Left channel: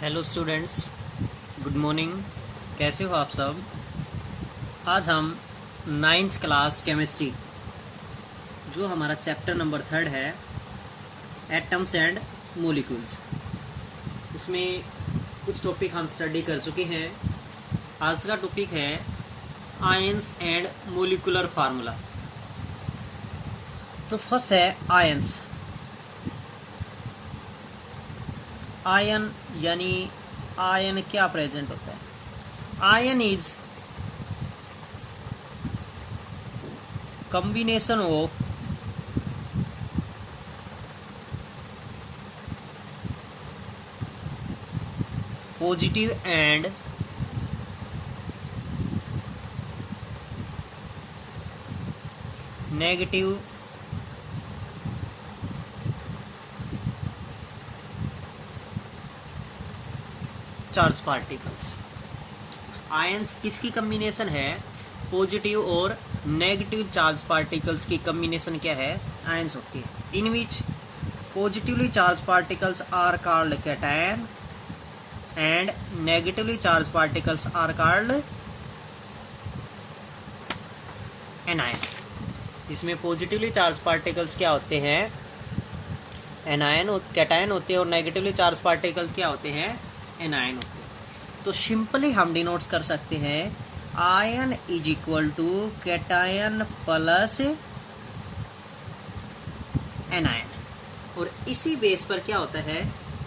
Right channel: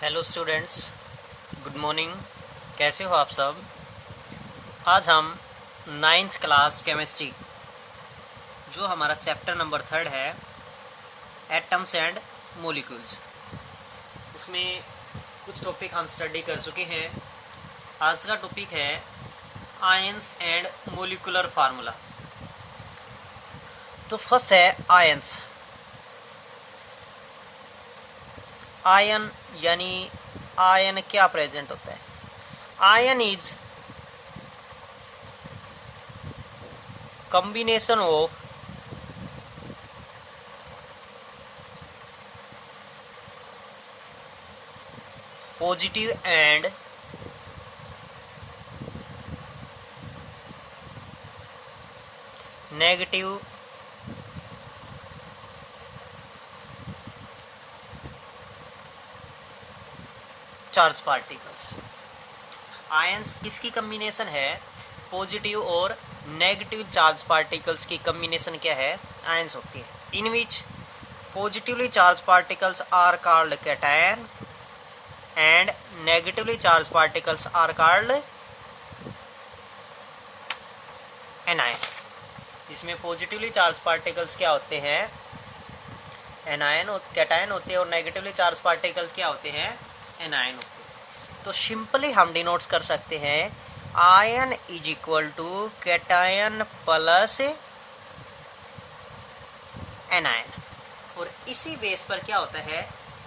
Hello students, good morning. कैसे हो आप सब? आज हम नाइन्थ क्लास केमिस्ट्री, जो हमारा चैप्टर नंबर 3 है, एटम्स एंड मोलिक्यूल्स, उसमें कुछ टॉपिक हम स्टडी कर चुके हैं। आज का टॉपिक है आयंस एंड मोलिकुलर फार्मूला। तो फर्स्ट है आयंस। आयन यानी आयन क्या प्रेजेंट होता है? Ion is combination of positive and negative charge particles. Ions किसकी कम्बिनेशन है? पॉजिटिव और नेगेटिव चार्ज पार्टिकल्स की कम्बिनेशन क्या है? आयंस होती है। In which positively charged particles are called cation and negatively charged particles are called anion. इसमें positively charged particles क्या होते हैं? एनायन, कैटायन होते हैं, और नेगेटिवली चार्ज पार्टिकल्स क्या होते हैं? एनायन होते हैं। तो सिंपली हम डिनोट कर सकते हैं ion is equal to cation plus anion. और इसी बेस पर क्या होता है?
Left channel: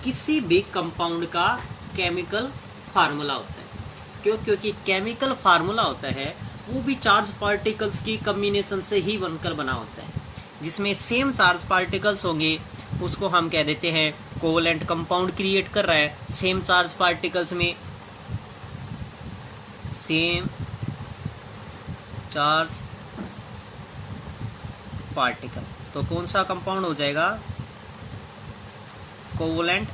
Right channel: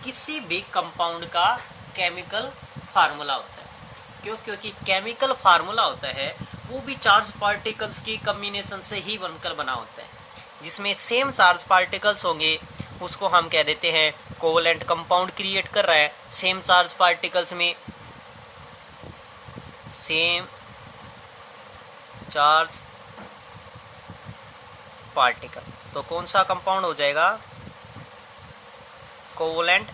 किसी भी कंपाउंड का केमिकल फार्मूला होता है। क्योंकि केमिकल फार्मूला होता है वो भी चार्ज पार्टिकल्स की कॉम्बिनेशन से ही बनकर बना होता है। जिसमें सेम चार्ज पार्टिकल्स होंगे उसको हम कह देते हैं कोवलेंट कंपाउंड क्रिएट कर रहा है। सेम चार्ज पार्टिकल्स में सेम चार्ज पार्टिकल, तो कौन सा कंपाउंड हो जाएगा? Covalent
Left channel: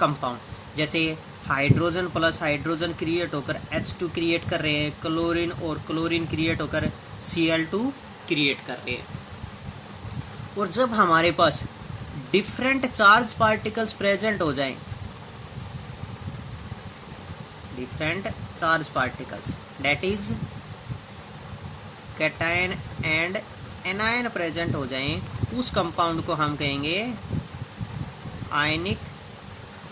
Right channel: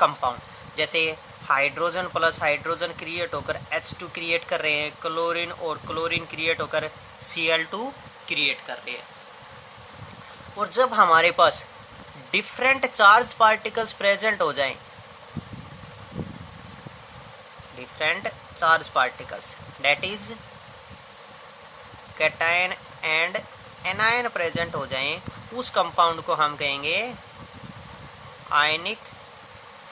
compound. जैसे हाइड्रोजन प्लस हाइड्रोजन क्रिएट होकर H2 क्रिएट कर रहे हैं, क्लोरीन और क्लोरीन क्रिएट होकर Cl2 क्रिएट कर रहे हैं। और जब हमारे पास डिफरेंट चार्ज पार्टिकल्स प्रेजेंट हो जाएं, different charge particles that is cation and anion present हो जाएं, उस कंपाउंड को हम कहेंगे ionic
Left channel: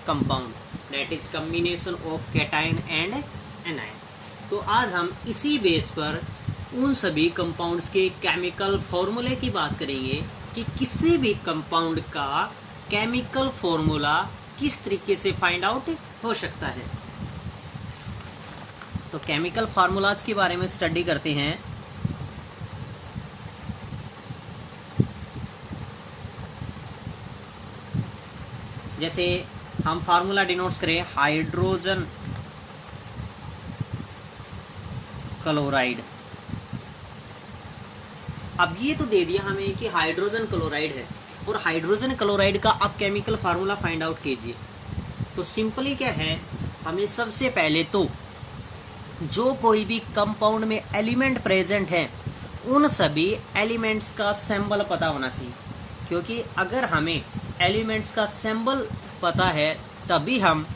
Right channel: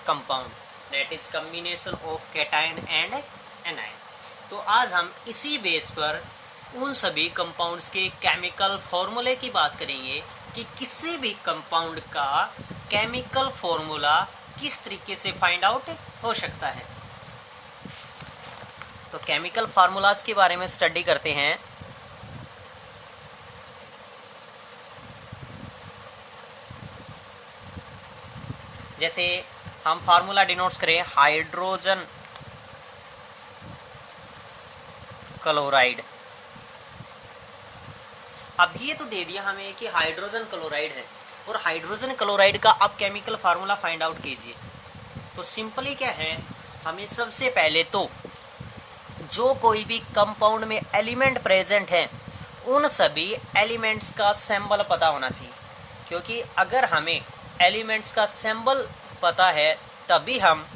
compound, that is combination of cation and anion. तो आज हम इसी बेस पर उन सभी कंपाउंड्स के केमिकल फॉर्मूले की बात करेंगे कि किसी भी कंपाउंड का केमिकल फॉर्मूला किस तरीके से फाइंड आउट हो सकता है। तो केमिकल फार्मूलाज के बारे में स्टडी करते हैं। जैसे हम फार्मूला डिनोट्स करें हाइड्रोजन क्लोराइड। अब ये तो दे दिया हमें कि हाइड्रोजन क्लोराइड है, और हाइड्रोजन क्लोराइड का आप केमिकल फार्मूला फाइंड आउट कीजिए। तो सिंपली क्या है, हमें सबसे पहले तो जो कोई भी कंपाउंड में एलिमेंट प्रेजेंट है उन सभी एलिमेंट्स का सिंबल पता होना चाहिए। क्योंकि अगर हमें एलिमेंट्स का सिंबल पता है तभी हम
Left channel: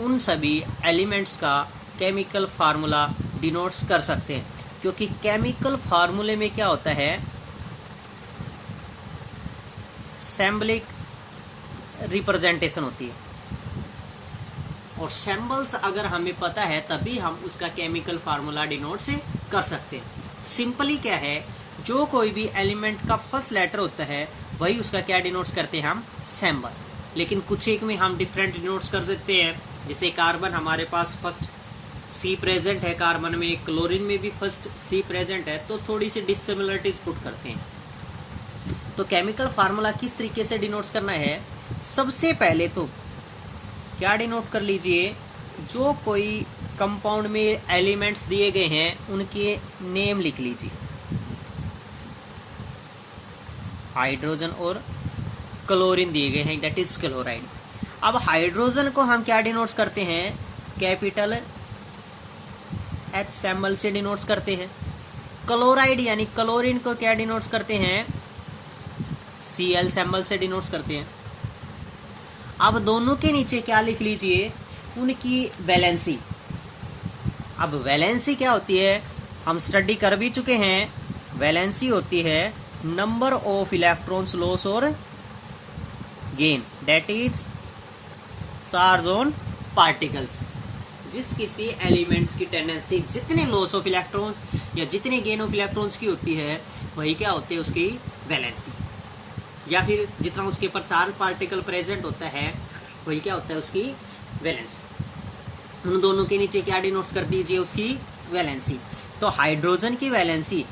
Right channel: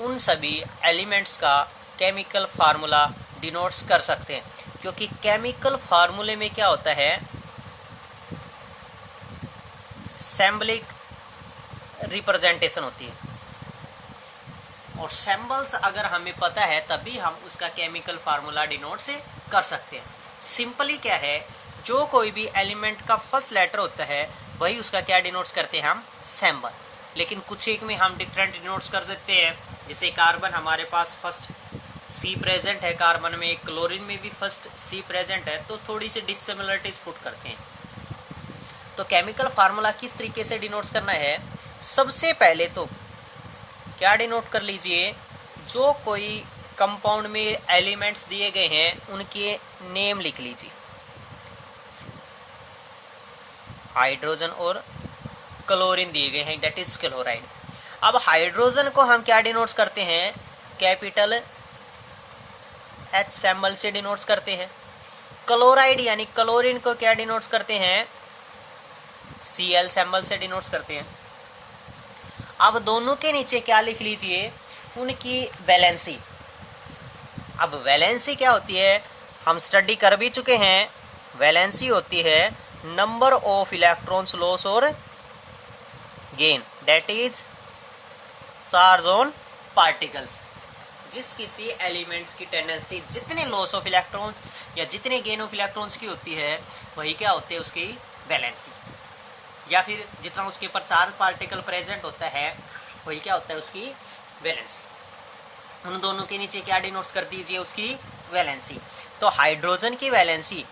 उन सभी एलिमेंट्स का केमिकल फार्मूला डिनोट्स कर सकते हैं। क्योंकि केमिकल फार्मूले में क्या होता है? सिंबलिक रिप्रेजेंटेशन होती है, और सिंबल्स अगर हमें पता है तभी हम उसका केमिकल फार्मूला डिनोट कर सकते हैं। सिंपली क्या है, जो कोई भी एलिमेंट का फर्स्ट लेटर होता है वही उसका क्या डिनोट्स करते हैं? हम सिंबल। लेकिन कुछ एक में हम डिफरेंट डिनोट्स कर सकते हैं। जैसे कार्बन, हमारे पास फर्स्ट C प्रेजेंट है कार्बन में, क्लोरीन में भी फर्स्ट C प्रेजेंट है, तो थोड़ी सी डिसिमिलरिटीज पुट करते हैं। तो केमिकल फार्मूला किस तरीके से डिनोट्स करना है? सबसे पहले तो क्या डिनोट कर लीजिए, जो कोई कंपाउंड में एलिमेंट्स दिए गए हैं उनके नेम लिख लीजिए। हाइड्रोजन और क्लोरीन दिए गए हैं, दैट इज क्लोराइड। अब हाइड्रोजन को हम क्या डिनोट्स करते हैं? कैपिटल H सिंबल से डिनोट्स करते हैं। क्लोराइड यानी क्लोरीन को क्या डिनोट्स करते हैं? Cl सिंबल से डिनोट्स करते हैं। अब दोनों के नीचे क्या लिख लीजिए, उनकी वैलेंसी। अब वैलेंसी क्या होती है, हम स्टडी कर भी चुके हैं। वैलेंसी होती है नंबर ऑफ इलेक्ट्रॉन्स लॉस और gain, that is charge on particles. जिस किसी एलिमेंट्स की टेंडेंसी जितने लॉस ऑफ इलेक्ट्रॉन्स या जितने गेन ऑफ इलेक्ट्रॉन्स की होती है, वही क्या होती है, उसकी वैलेंसी। या फिर जितना उसके ऊपर चार्ज पार्टिकल प्रेजेंट होता है, वही क्या होता है, उसकी वैलेंसी। उन दोनों के नीचे क्या डिनोट्स कर दीजिए, उसकी वैलेंसी। तो हाइड्रोजन की वैलेंसी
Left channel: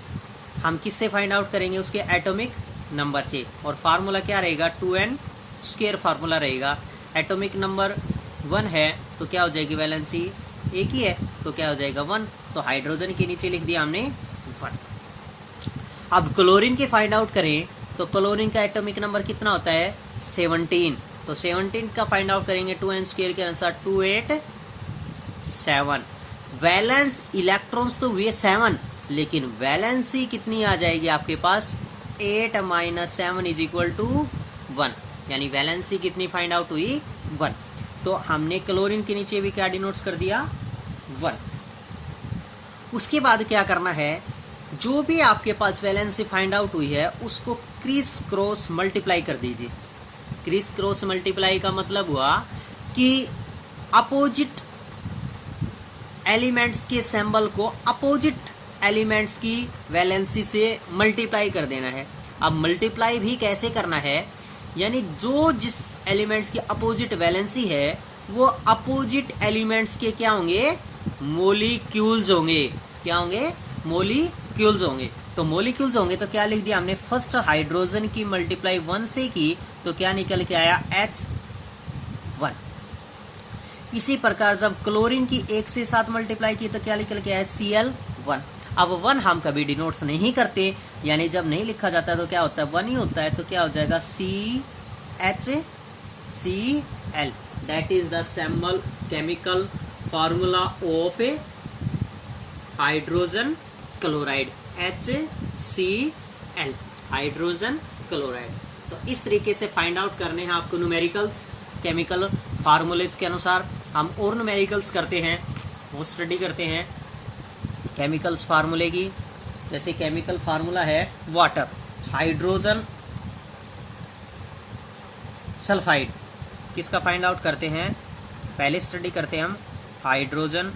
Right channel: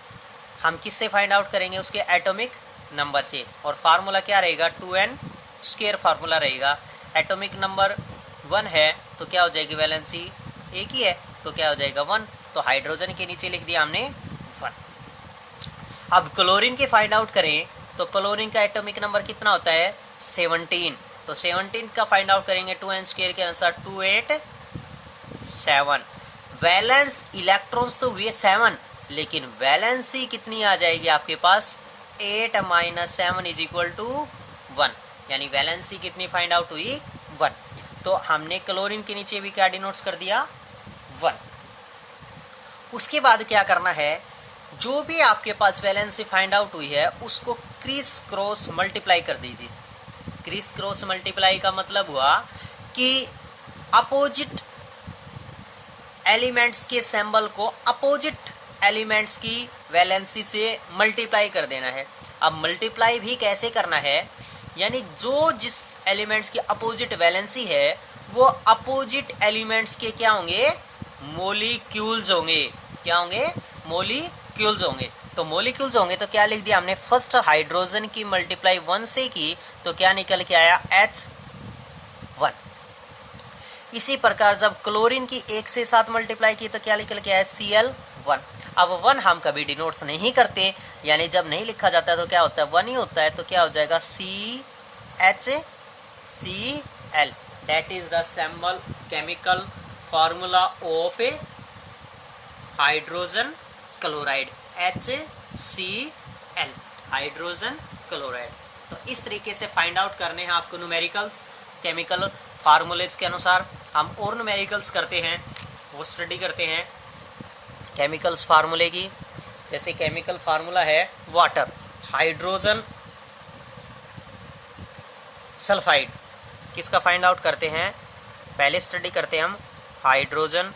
हम किससे फाइंड आउट करेंगे, उसके एटॉमिक नंबर से। और फार्मूला क्या रहेगा, 2n स्क्वायर फार्मूला रहेगा। एटॉमिक नंबर 1 है तो क्या हो जाएगी वैलेंसी, एक ही है तो क्या हो जाएगा 1। तो हाइड्रोजन के नीचे लिख दिया हमने 1। अब क्लोरीन के फाइंड आउट करें तो क्लोरीन का एटॉमिक नंबर कितना होता है, 17। तो 17 का फाइंड आउट करेंगे 2n स्क्वायर के अनुसार 287। वैलेंस इलेक्ट्रॉन्स तो हुए 7, लेकिन वैलेंसी कितनी आ जाएगी आपके पास, 8 - 7 = 1। यानी वैलेंसी कितनी फाइंड आउट हुई, 1। तो हमने क्लोरीन के नीचे भी क्या डिनोट्स कर दिया, 1। उसके बाद क्या करना है, जो भी आपके पास वैलेंसी फाइंड आउट हुई है उसको क्रिस क्रॉस मल्टीप्लाई कर दीजिए। क्रिस क्रॉस मल्टीप्लाई का मतलब हुआ कि अपोजिट एलिमेंट्स के सिंबल को अपोजिट एलिमेंट्स की वैलेंसी से मल्टीप्लाई कर देना है। अब मल्टीप्लाई भी कैसे करना है, यानी जो जिस एलिमेंट्स की अपोजिट वैलेंसी है वो अपोजिट एलिमेंट्स के क्या होंगे, मोलिक्यूल्स होंगे। क्या होंगे, मोलिक्यूल्स होंगे। तो मोलिक्यूल्स होंगे तो क्या लिख दिया हमने, फर्स्ट हाइड्रोजन की मल्टीप्लाई 1 से की तो क्या निकल के आया, H1। इसी प्रकार जब क्लोरीन की 1 से 7 मल्टीप्लाई की तो क्या निकल के आया, Cl1। अब 1 हम कभी डिनोट्स नहीं करते, यानी जब नहीं लिखा जाता है तो क्या होता है, 1 ही होता है। तो क्या हो जाएगा, CHCl, that is the symbol chemical formula of A hydrogen chloride, HCl, hydrogen chloride. तो इस तरीके से फाइंड आउट करने हैं आपको न्यूमेरिकल्स केमिकल फार्मूलेस के अनुसार। हम और न्यूमेरिकल्स करते हैं, वो स्टडी करते हैं केमिकल्स फार्मूले की। जैसे केमिकल फार्मूला है वाटर, हाइड्रोजन सल्फाइड, किसका फाइंड आउट करते हैं, पहले स्टडी करते हैं हम हाइड्रोजन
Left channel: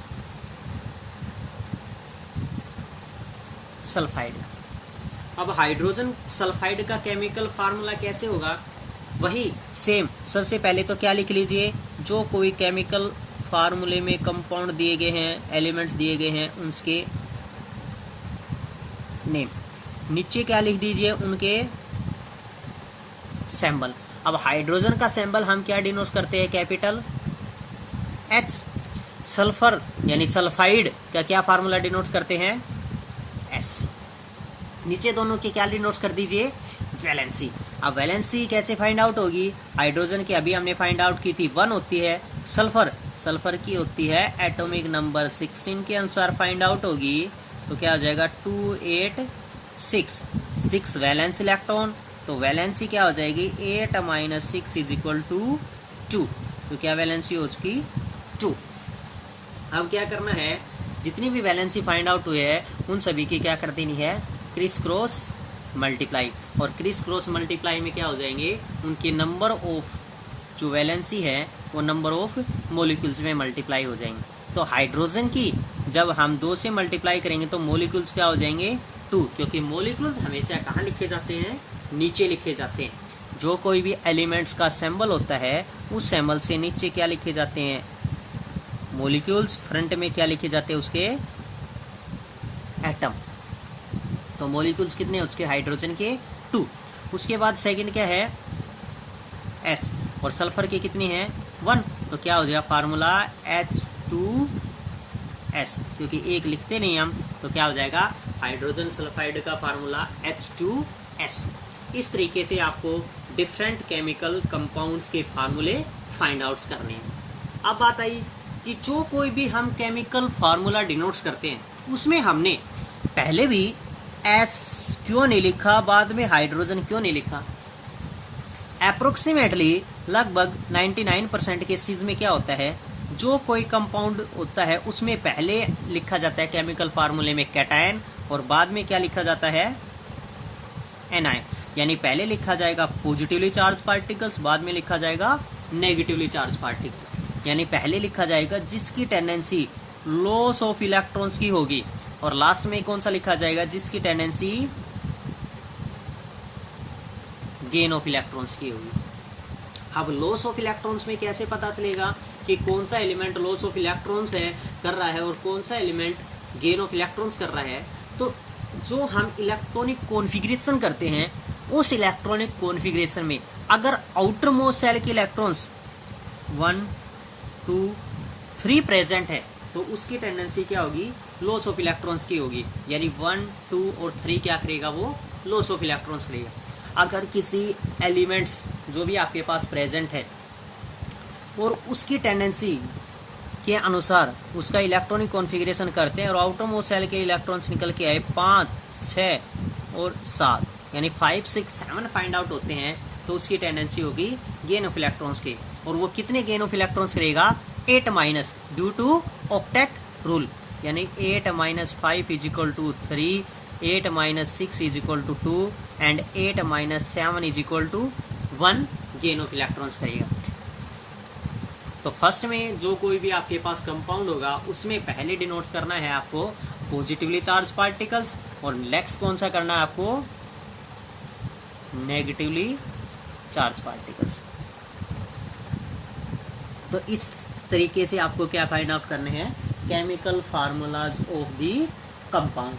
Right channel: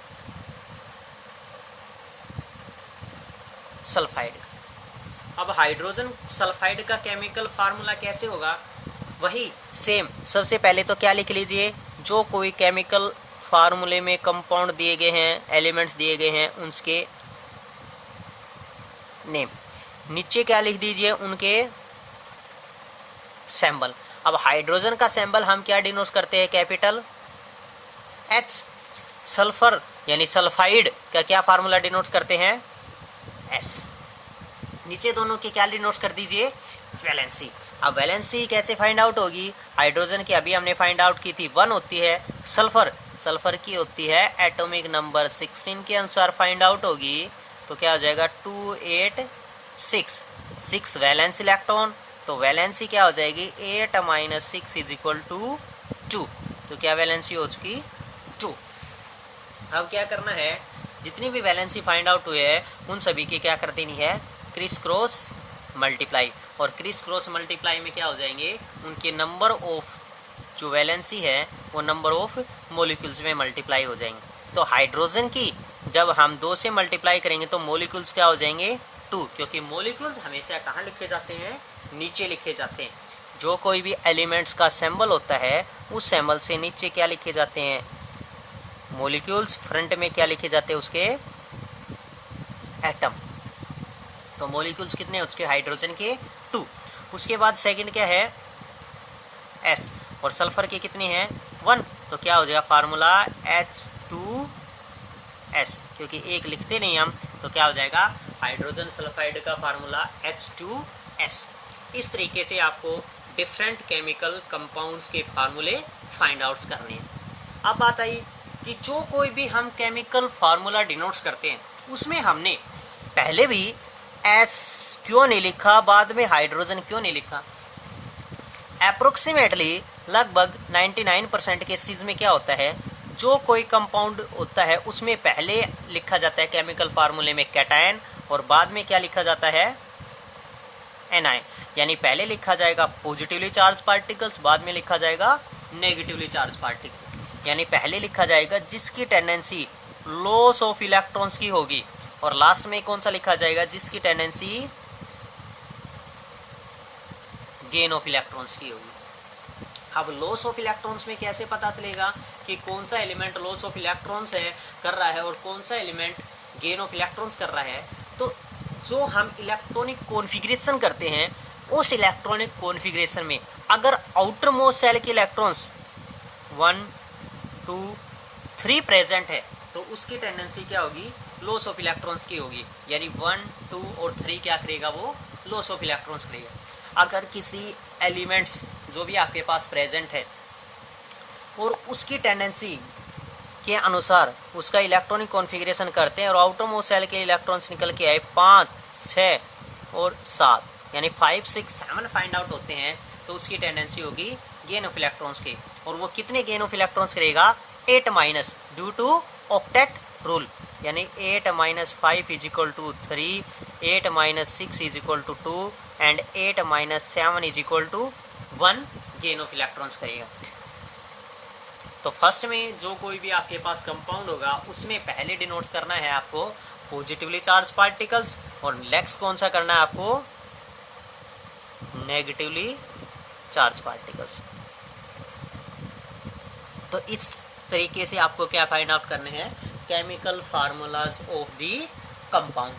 सल्फाइड। अब हाइड्रोजन सल्फाइड का केमिकल फार्मूला कैसे होगा, वही सेम। सबसे पहले तो क्या लिख लीजिए, जो कोई केमिकल फार्मूले में कंपाउंड दिए गए हैं, एलिमेंट्स दिए गए हैं, उनके नेम। नीचे क्या लिख दीजिए, उनके सिंबल। अब हाइड्रोजन का सिंबल हम क्या डिनोट करते हैं, कैपिटल H। सल्फर यानी सल्फाइड का क्या फार्मूला डिनोट करते हैं, S। नीचे दोनों के क्या डिनोट कर दीजिए, वैलेंसी। अब वैलेंसी कैसे फाइंड आउट होगी, हाइड्रोजन की अभी हमने फाइंड आउट की थी 1 होती है, सल्फर की होती है एटॉमिक नंबर 16 के अनुसार फाइंड आउट होगी। तो क्या हो जाएगा, 286, 6 वैलेंस इलेक्ट्रॉन। तो वैलेंसी क्या हो जाएगी, 8 - 6 = 2। तो क्या वैलेंसी हो चुकी, 2। अब क्या करना है, जितनी भी वैलेंसी फाइंड आउट हुए हैं उन सभी की क्या कर देनी है, क्रिस क्रॉस मल्टीप्लाई। और क्रिस क्रॉस मल्टीप्लाई में क्या हो जाएंगे, उनके नंबर ऑफ जो वैलेंसी है वो नंबर ऑफ मोलिक्यूल्स में मल्टीप्लाई हो जाएंगे। तो हाइड्रोजन की जब हम 2 से मल्टीप्लाई करेंगे तो मोलिक्यूल्स क्या हो जाएंगे, 2, क्योंकि मोलिक्यूल्स हमेशा कहाँ लिखे जाते हैं, नीचे लिखे जाते हैं। जो कोई भी एलिमेंट्स का सिंबल होता है उस सिंबल से नीचे क्या लिखे जाते हैं, मोलिक्यूल्स। फ्रंट में क्या लिखे जाते हैं, उसके एटम। तो मोलिक्यूल्स कितने हैं उसके, हाइड्रोजन के 2। उसके बाद सेकंड क्या है, S। और सल्फर के कितने हैं, 1। तो क्या हो जाएगा फार्मूला, H2S, क्योंकि एक लिखते नहीं हम तो क्या हो जाएगा, हाइड्रोजन सल्फाइड का फार्मूला H2S। इस तरीके से आपको डिफरेंट केमिकल कंपाउंड्स के फार्मूले फाइंड आउट्स करने हैं। अब बात आई कि जो कोई भी हम केमिकल फार्मूला डिनोट्स करते हैं उसमें हमने पहले भी S क्यों नहीं लिखा, बाद में हाइड्रोजन क्यों नहीं लिखा। अप्रोक्सीमेटली लगभग 99% केसेस में क्या होता है, जो कोई कंपाउंड होता है उसमें पहले लिखा जाता है केमिकल फार्मूले में कैटायन और बाद में क्या लिखा जाता है, एनआई। यानी पहले लिखा जाएगा पॉजिटिवली चार्ज पार्टिकल्स, बाद में लिखा जाएगा नेगेटिवली चार्ज पार्टिकल। यानी पहले लिखा जाएगा जिसकी टेंडेंसी लॉस ऑफ इलेक्ट्रॉन्स की होगी और लास्ट में कौन सा लिखा जाएगा, जिसकी टेंडेंसी गेन ऑफ इलेक्ट्रॉन्स की होगी। अब लॉस ऑफ इलेक्ट्रॉन्स में कैसे पता चलेगा कि कौन सा एलिमेंट लॉस ऑफ इलेक्ट्रॉन्स है कर रहा है और कौन सा एलिमेंट गेन ऑफ इलेक्ट्रॉन्स कर रहा है। तो जो हम इलेक्ट्रॉनिक कॉन्फ़िगरेशन करते हैं उस इलेक्ट्रॉनिक कॉन्फ़िगरेशन में अगर आउटर मोस्ट सेल के इलेक्ट्रॉन्स 1, 2, 3 प्रेजेंट है तो उसकी टेंडेंसी क्या होगी, लॉस ऑफ इलेक्ट्रॉन्स की होगी। यानी 1, 2 और 3 क्या करेगा, वो लॉस ऑफ इलेक्ट्रॉन्स करेगा। अगर किसी एलिमेंट्स जो भी आपके पास प्रेजेंट है और उसकी टेंडेंसी के अनुसार उसका इलेक्ट्रॉनिक कॉन्फ़िगरेशन करते हैं और आउटर मोस्ट सेल के इलेक्ट्रॉन्स निकल के आए 5, 6 और 7 यानी 5, 6, 7 फाइंड आउट होते हैं, तो उसकी टेंडेंसी होगी गेन ऑफ इलेक्ट्रॉन्स की। और वो कितने गेन ऑफ इलेक्ट्रॉन्स करेगा, 8 minus due to octet rule. यानी 8 - 5 = 3, 8 - 6 = 2 एंड 8 - 7 = 1 गेन ऑफ इलेक्ट्रॉन्स करेगा। तो फर्स्ट में जो कोई भी आपके पास कंपाउंड होगा उसमें पहले डिनोट्स करना है आपको पॉजिटिवली चार्ज पार्टिकल्स और नेक्स्ट कौन सा करना है आपको, नेगेटिवली चार्ज पार्टिकल्स। तो इस तरीके से आपको क्या फाइंड आउट करने हैं, chemical formulas of the compound.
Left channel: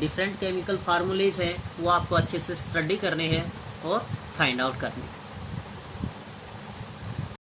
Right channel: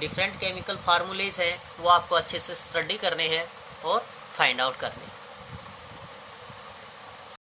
Different chemical फार्मूलेज है वो आपको अच्छे से स्टडी करने हैं और फाइंड आउट करने हैं।